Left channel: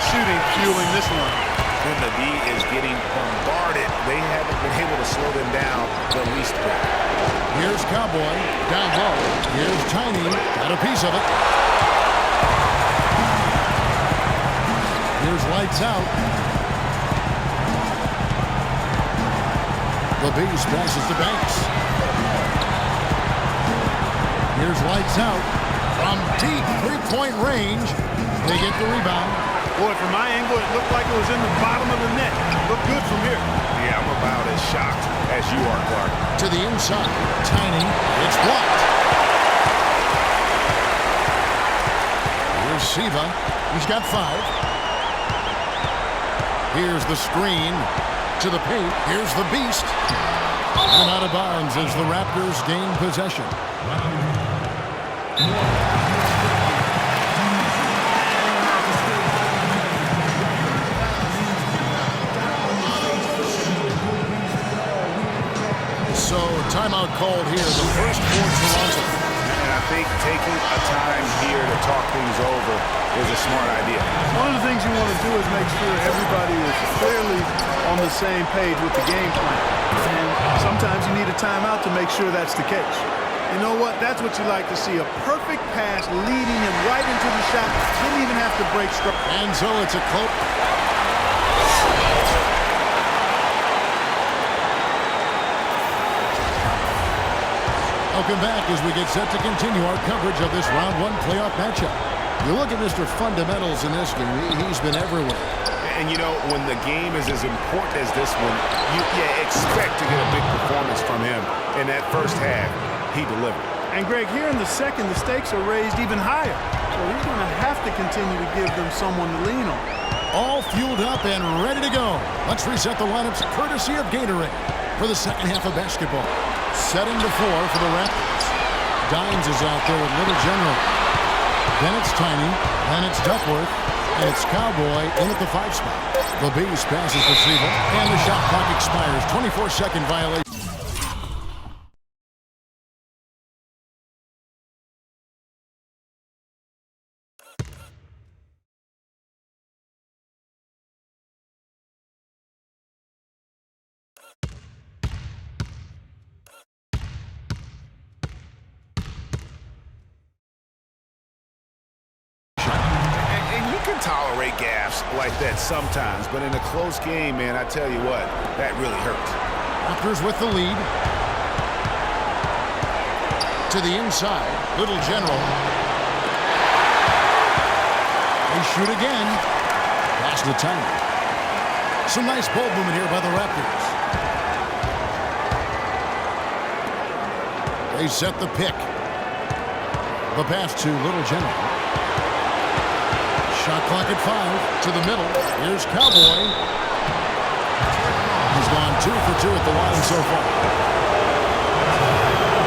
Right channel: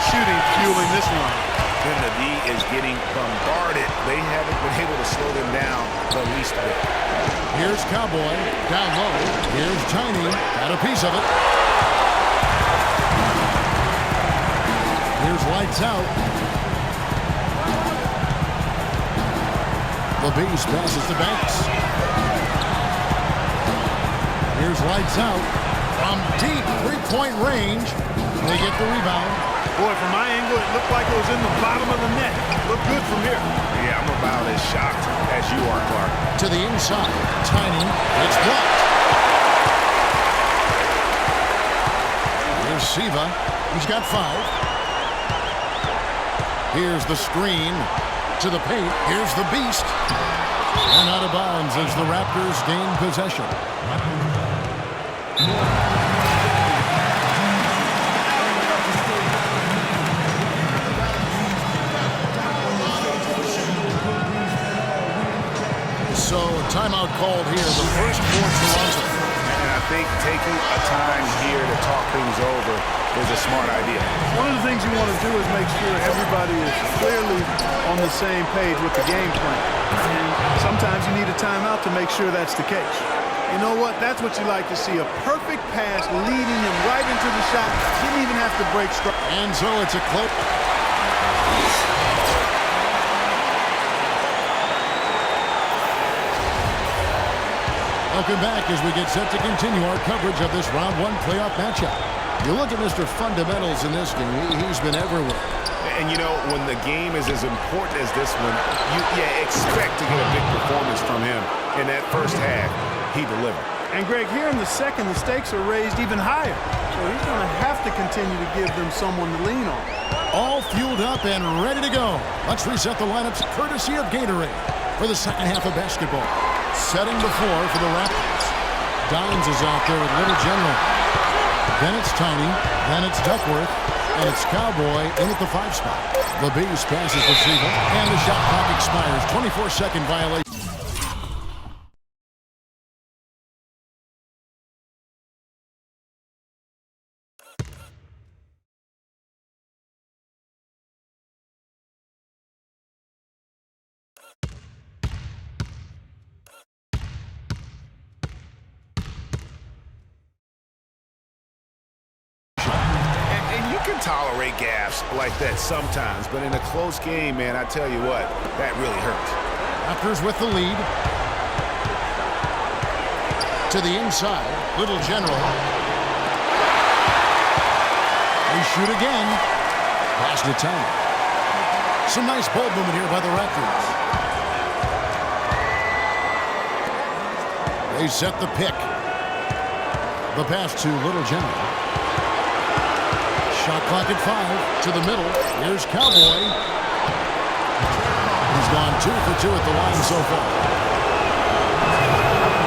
great shooting fueling this one. Then the D is getting bombarded. They haven't been able to slow them down the least bit. Here's Cowboy, down low. Here's Tiny, got a piece of it. Here's Lights Out. The Beast passes to Banks. Here's Lights Out. From deep three-point range, they get the rebound. Boy, from my angle, it looked like it was in the bottom of the net. Looked good from here. Yeah, I'm about as shocked as you are, Clark. To the inside, Tiny, it's blocked. Here's Siva, he's got 5. Here's the screen to the paint. Here's the Beast. And out of bounds as the Raptors gain possession. So, timeout called here, the first for Toronto. And I think taking a time here to talk things over is a smart idea. One of the things you want to do is make sure everybody is clearly on the same page with the game plan. And sometimes you need a timeout to make sure that's the case. You know what? That's what you like to see. A perfect pass leading him right into the shot. Didn't even have to break stride. And so it's a close. Welcome back as we get set to continue our coverage of this round 1 playoff matchup. You look at Mr. Fundamentals in this game, he's been everywhere. And you know, when the game is as important as this one, you expect to get a big performance from him. In that first half, he delivered. And Greg, here in the second, the stakes are raised even higher. So he's going to have to continue to give them someone to lean on. All fueled up and ready to go. Let's reset the lineups courtesy of Gatorade for the second half of basketball. Setting the floor for the Raptors. Dines is out there with Little General. Then it's Tiny. Then it's Duckworth. And it's Cowboy in at the 5 spot. The Beast passes to Siva. And the shot clock expires. 24-second violation. And you can tolerate gaffes like that sometimes, but in a close game, man, I tell you what, that really hurts. Raptors with the lead. To the inside, Little General. They shoot again. Pass to Tiny. Some nice ball movement here by the Raptors. They set the pick. The pass to Little General. Shot clock at 5 to the middle. Here's Cowboy. He's gone 2 for 2 at the line so far.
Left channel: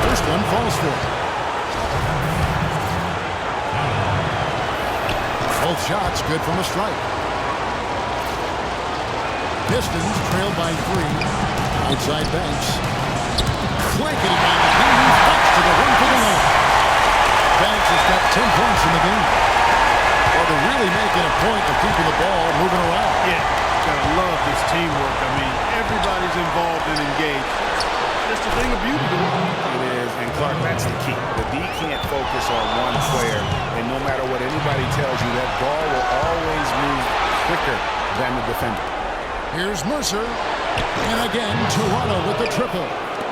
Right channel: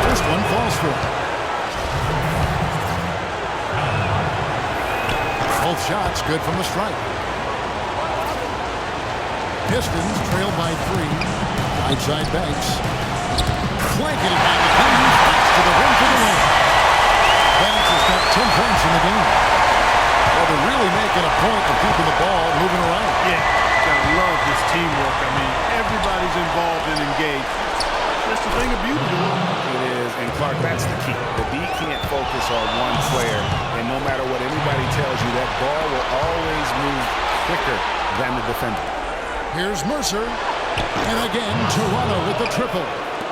First one falls for him. Both shots good from the stripe. Pistons trailed by 3. Right side Banks. Blanketed by the team. He fights to the rim for the win. Banks has got 10 points in the game. Well, they're really making a point of keeping the ball moving around. Yeah, gotta love this teamwork. I mean, everybody's involved and engaged. It's just a thing of beauty to watch. It is, and Clark, that's the key. The D can't focus on one player, and no matter what anybody tells you, that ball will always move quicker than the defender. Here's Mercer, and again, Toronto with the triple.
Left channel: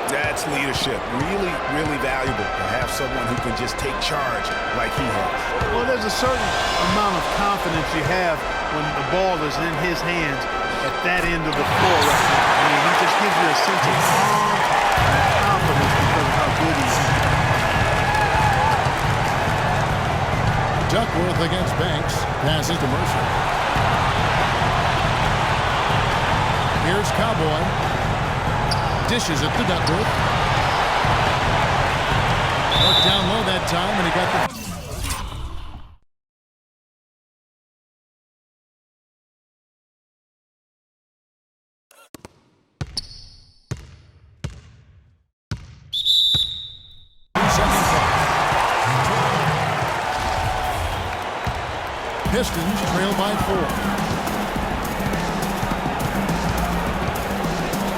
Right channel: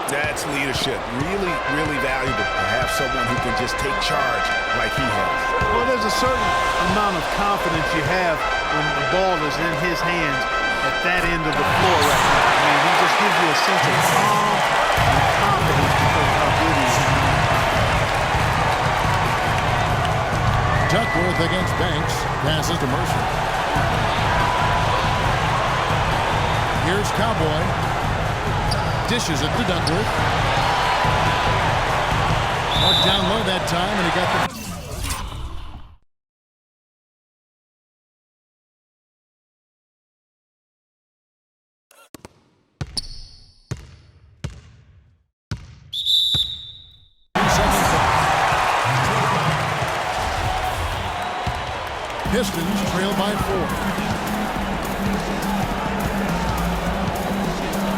That's leadership. Really, really valuable to have someone who can just take charge like he has. Well, there's a certain amount of confidence you have when the ball is in his hands at that end of the floor right now. I mean, he just gives you a sense of calm and confidence because of how good he is. Duckworth against Banks. Passes to Mercer. Here's Cowboy. Dishes it to Duckworth. Marked down low that time, and he got the... Pistons trail by 4.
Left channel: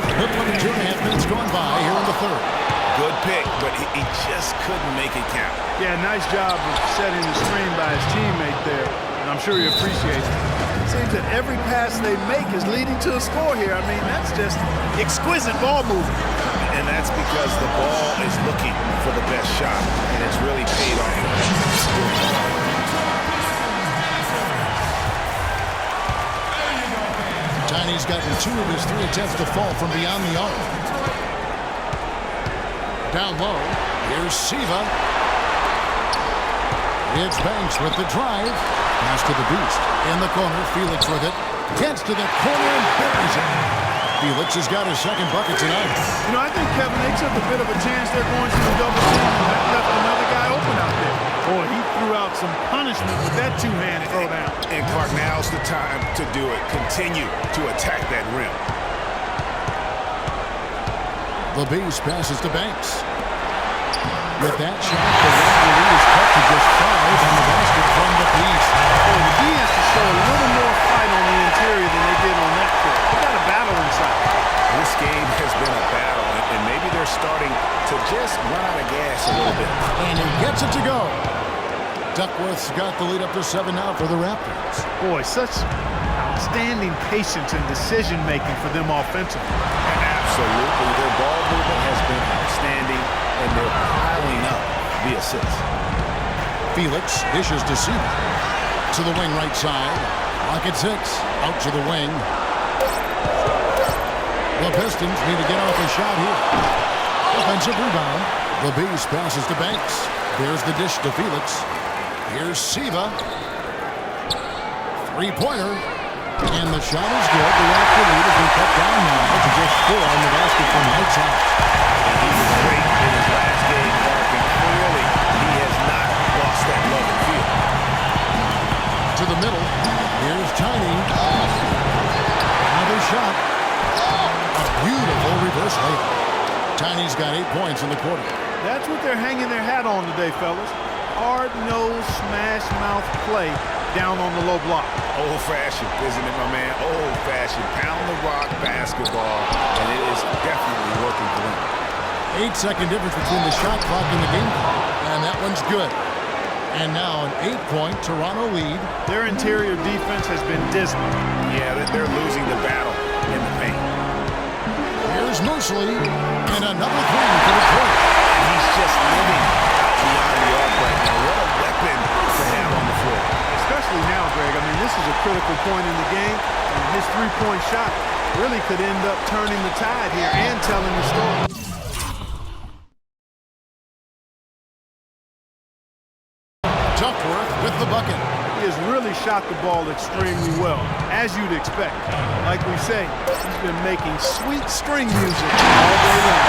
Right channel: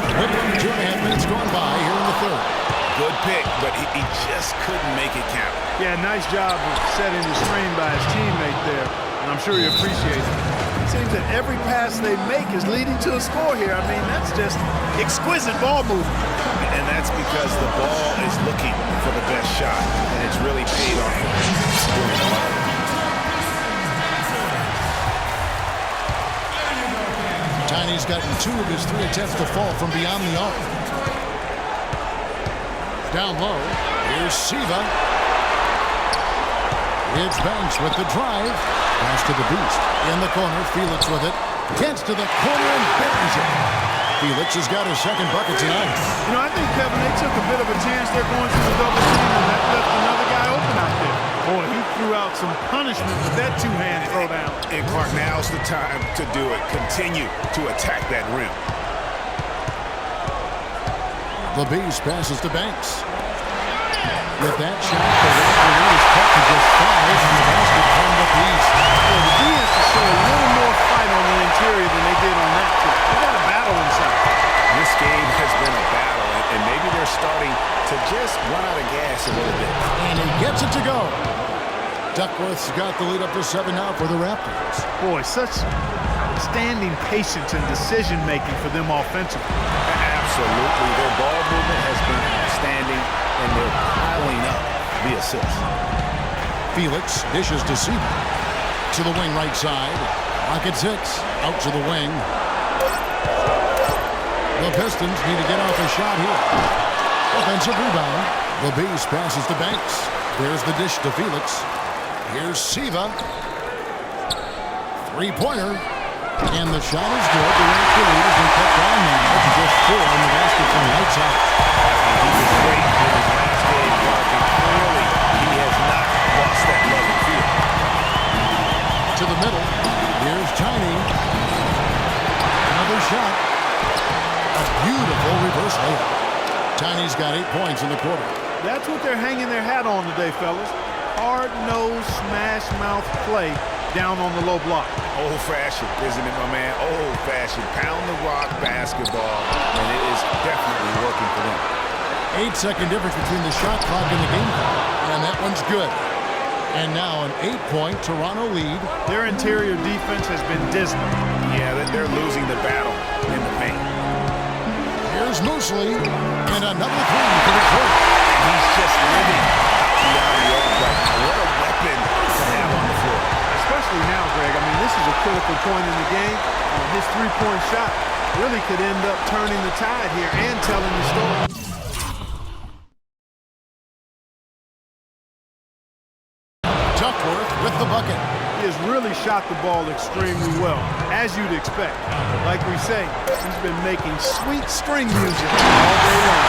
A little under 2.5 minutes gone by here in the third. Good pick, but he just couldn't make it count. Yeah, nice job of setting the screen by his teammate there, and I'm sure he appreciates it. It seems that every pass they make is leading to a score here. I mean, that's just exquisite ball movement. And that's because the ball is looking for the best shot, and it's really paid off for him during the run. Tiny's gotten 2 of his 3 attempts to fall from beyond the arc. Down low, here's Siva. It's Banks with the drive. Pass to the Beast. In the corner, Felix with it. Gets to the corner and buries it. Felix has got his second bucket tonight. You know, I think, Kevin, they took a bit of a chance there going to the double team, and that left another guy open out there. Boy, he threw out some punishment with that two-hand throw down. And Clark, now's the time to do it. Continue to attack that rim. The Beast passes to Banks. With that shot, the Raptor lead is cut to just 5 on the basket from the Beast. Boy, the D has to show a little more fight on the interior than they did on that trip. They got a battle inside. This game has been a battle, and maybe they're starting to just run out of gas a little bit. And he gets it to go. Duckworth's got the lead up to 7 now for the Raptors. Boy, such outstanding patience and decision-making for them offensively. Absolutely. Their ball movement has been outstanding, and they're piling up the assists. Felix dishes to Siva. To the wing right side. Clock at 6. Out to the wing. The Pistons need to get off a shot here. Offensive rebound. The Beast passes to Banks. There's the dish to Felix. Here's Siva. Three-pointer. And the shot is good. The Raptor lead has been cut down now to just 4 on the basket from lights out. He was great in his last game, Clark, and clearly he has not lost that love and feel. To the middle. Here's Tiny. Another shot. A beautiful reverse layup. Tiny's got 8 points in the quarter. That's what they're hanging their hat on today, fellas. Hard-nosed, smash-mouth play down on the low block. Old-fashioned, isn't it, my man? Old-fashioned, pound-the-rock basketball, and it is definitely working for them. 8-second difference between the shot clock and the game clock. And that one's good. And now an 8-point Toronto lead. Their interior defense has been dismal. Yeah, they're losing the battle in the paint. Here's Mosley, and another 3 for Detroit. And he's just living out beyond the arc right now. What a weapon to have on the floor. Especially now, Greg. I mean, this is a critical point in the game, and his three-point shot really could end up turning the tide here and telling the story. Duckworth with the bucket. He has really shot the ball extremely well, as you'd expect. Like we say, he's been making sweet string music all day long.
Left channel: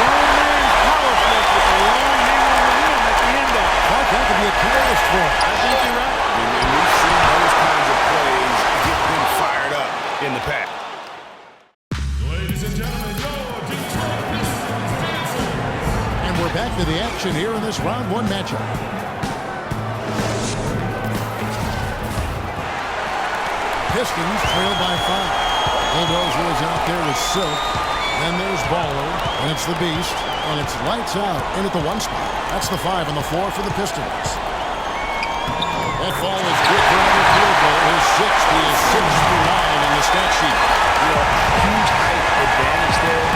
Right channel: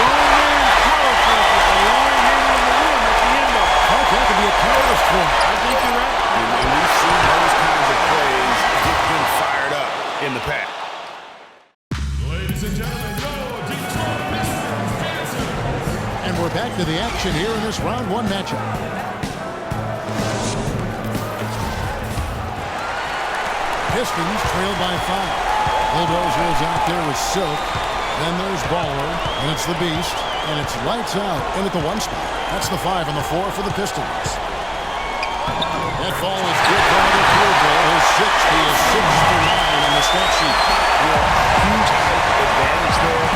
Grown man's power flush with a long hang on the rim at the end of it. Clark, that could be a catalyst for him. I think you're right. And we've seen those kinds of plays get them fired up in the pack. Ladies and gentlemen, your Detroit Pistons dancers. And we're back to the action here in this round 1 matchup. Pistons trail by 5. Bulldozer is out there with Silk. Then there's Baller, and it's the Beast, and it's lights out in at the 1 spot. That's the 5 and the 4 for the Pistons. That ball is good for another field goal. His 6th. He is 6 for 9 on the stat sheet. You know, huge height advantage there,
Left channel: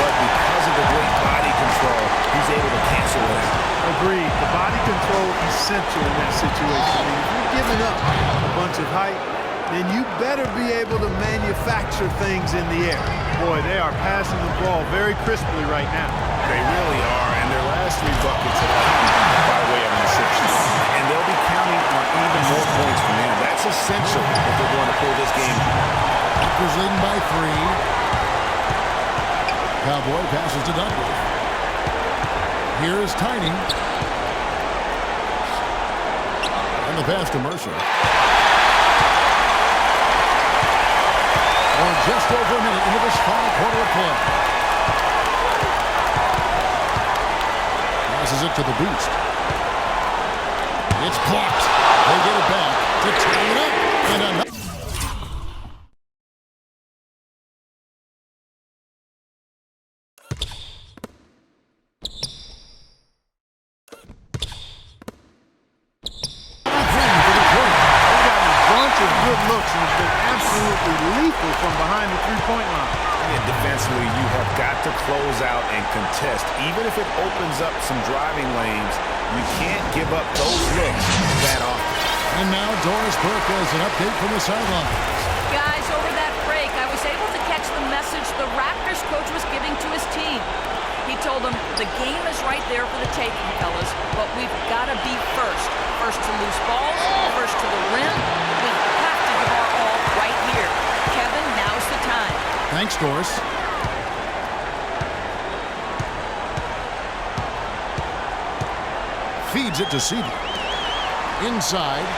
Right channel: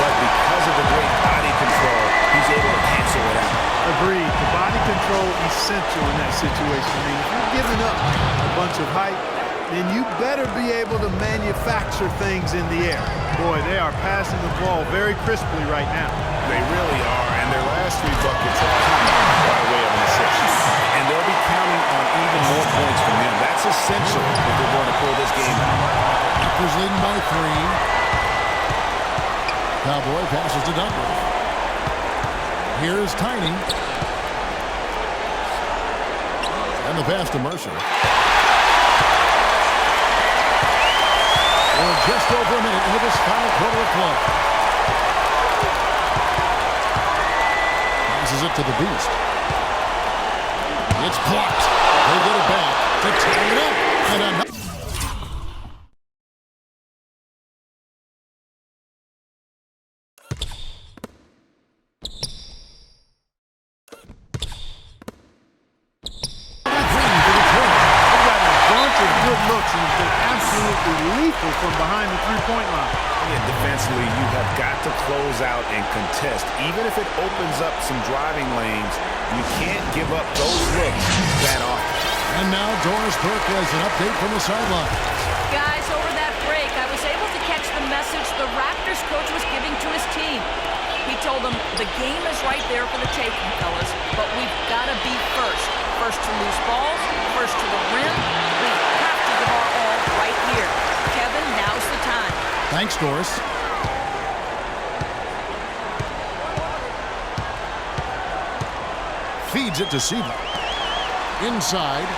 but because of the great body control, he's able to cancel it out. Agreed. The body control essential in that situation. I mean, if you're giving up a bunch of height, then you better be able to manufacture things in the air. Boy, they are passing the ball very crisply right now. They really are, and their last 3 buckets have come by way of an assist. And they'll be counting on even more points from him. That's essential if they're going to pull this game out. Raptors leading by 3. Cowboy passes to Duckworth. Here's Tiny. And the pass to Mercer. Or just over a minute into this final quarter of play. Passes it to the Beast. It's blocked. They get it back to tie it up. And another. Of good looks and has been absolutely lethal from behind the three-point line. Yeah, defensively, you have got to close out and contest. Even if it opens up some driving lanes, you can't give up those looks that often. And now Doris Burke has an update from the sidelines. Guys, over that break, I was able to catch the message the Raptors coach was giving to his team. He told them, the game is right there for the taking, fellas, but we've got to be first. First to loose balls, first to the rim. We have to give our all right here. Kevin, now's the time. Thanks, Doris. Feeds it to Siva. Inside.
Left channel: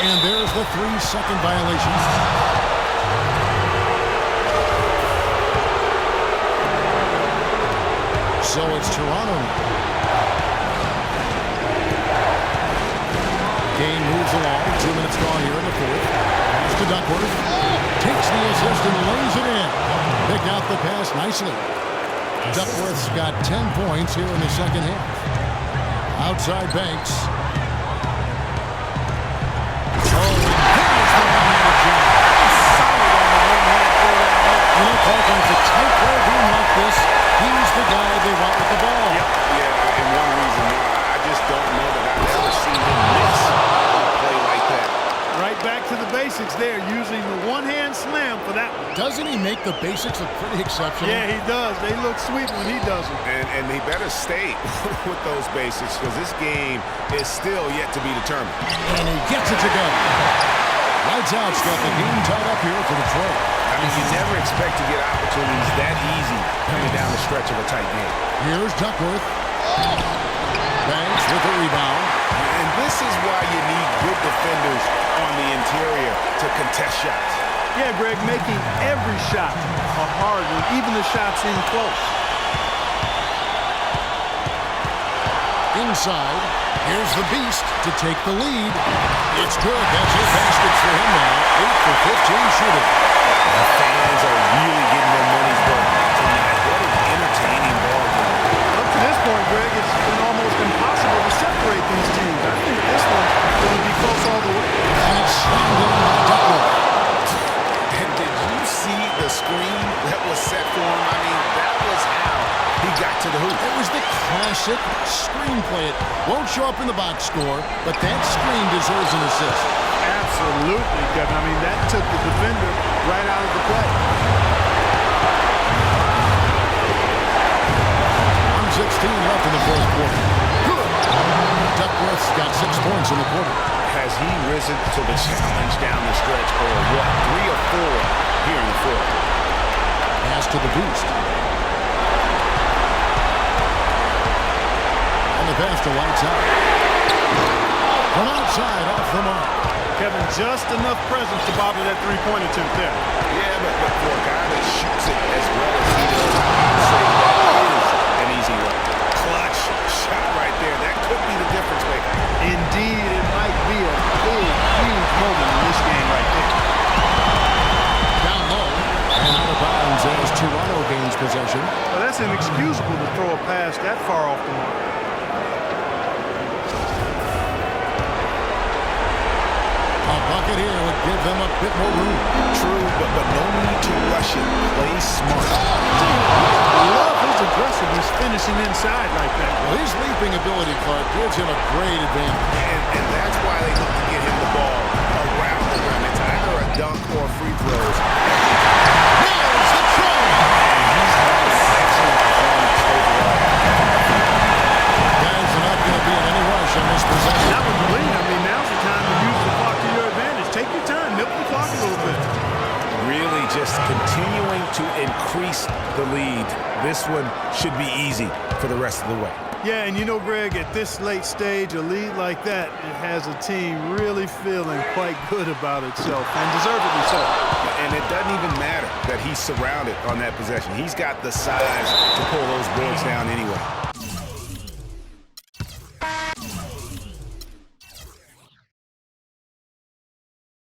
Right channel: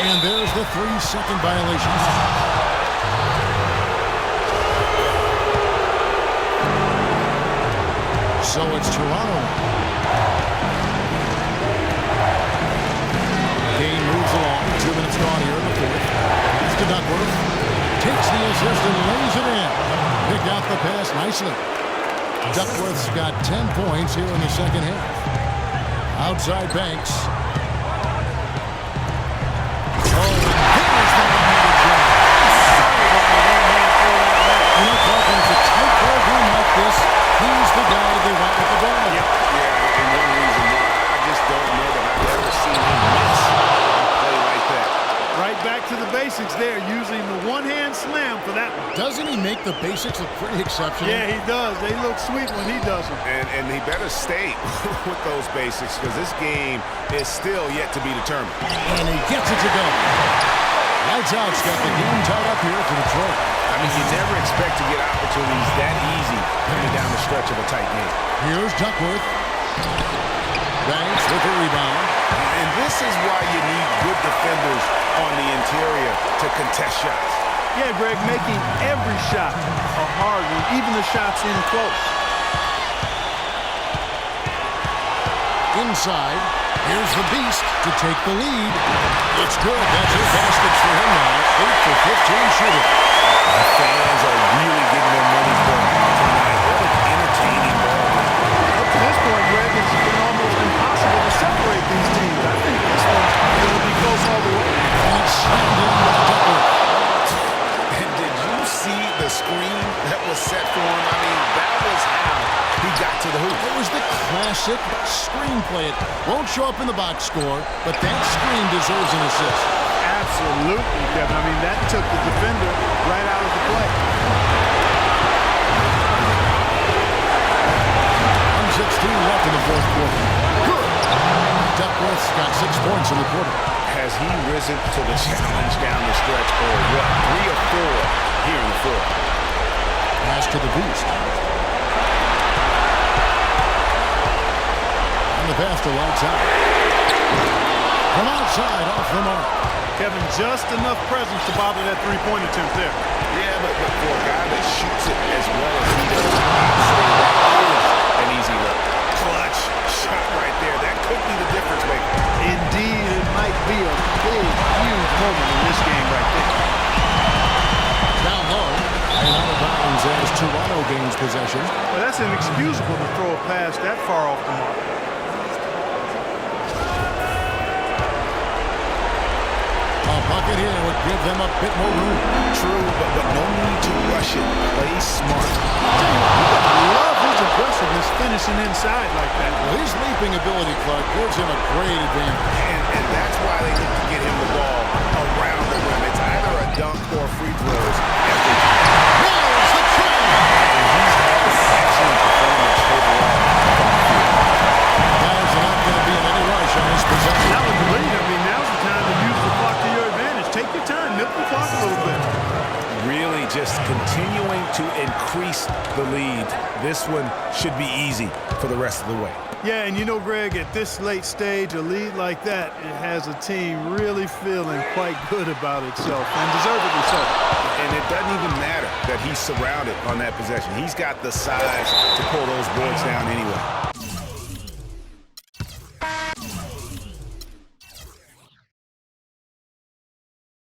And there's the 3-second violation. So it's Toronto. Game moves along. 2 minutes gone here in the fourth. Pass to Duckworth. Takes the assist and lays it in. Picked out the pass nicely. Duckworth's got 10 points here in the second half. Outside Banks. Oh, and there's the one-handed jam. Solid on the one-hand throw down there. You know, Clark, when it's a tight ball game like this, he's the guy they want with the ball. Yep. Yeah, and one reason why I just don't know that I've ever seen him miss a play like that. Right back to the basics there, using the one-hand slam for that one. Doesn't he make the basics look pretty exceptional? Yeah, he does. They look sweet when he does them. And he better stay with those basics because this game is still yet to be determined. And he gets it to go. Lights out's got the game tied up here for Detroit. I mean, you never expect to get opportunities that easy coming down the stretch of a tight game. Here's Duckworth. Banks with a rebound. And this is why you need good defenders on the interior to contest shots. Yeah, Greg, making every shot a hard one, even the shots in close. Inside, here's the Beast to take the lead. It's good. That's 8 baskets for him now. 8 for 15 shooting. The fans are really getting their money's worth tonight. What an entertaining ball game. Up to this point, Greg, it's been almost impossible to separate these teams. I think this one's going to be close all the way. And it's slammed in by Duckworth. And did you see the screen that was set for him? I mean, that was how he got to the hoop. It was the classic screenplay. It won't show up in the box score, but that screen deserves an assist. Absolutely, Kevin. I mean, that took the defender right out of the play. 1:16 left in the fourth quarter. Good. Duckworth's got 6 points in the quarter. Has he risen to the challenge down the stretch, or what? 3 or 4 here in the fourth. Pass to the Beast. And the pass to Lights Out. From outside, off the mark. Kevin, just enough presence to bother that three-point attempt there. Yeah, but for a guy that shoots it as well as he does, I'd say that is an easy look. Clutch shot right there. That could be the difference maker. Indeed, it might be a big, huge moment in this game right there. Down low and out of bounds as Toronto gains possession. Well, that's inexcusable to throw a pass that far off the mark. A bucket here would give them a bit more room. True, but no need to rush it. Play smart. Tell you what, you gotta love his aggressiveness finishing inside like that. Well, his leaping ability, Clark, gives him a great advantage. And that's why they look to get him the ball around the rim. It's either a dunk or free throws every time. Nails the try! And he's had an excellent performance overall from the field. Guys are not going to be in any rush on this possession. Not with the lead. I mean, now's the time to use the clock to your advantage. Take your time. Milk the clock a little bit. Really just continuing to increase the lead. This one should be easy for the rest of the way. Yeah, and you know, Greg, at this late stage, a lead like that, it has a team really feeling quite good about itself, and deservedly so. And it doesn't even matter that he's surrounded on that possession. He's got the size to pull those boards down anyway.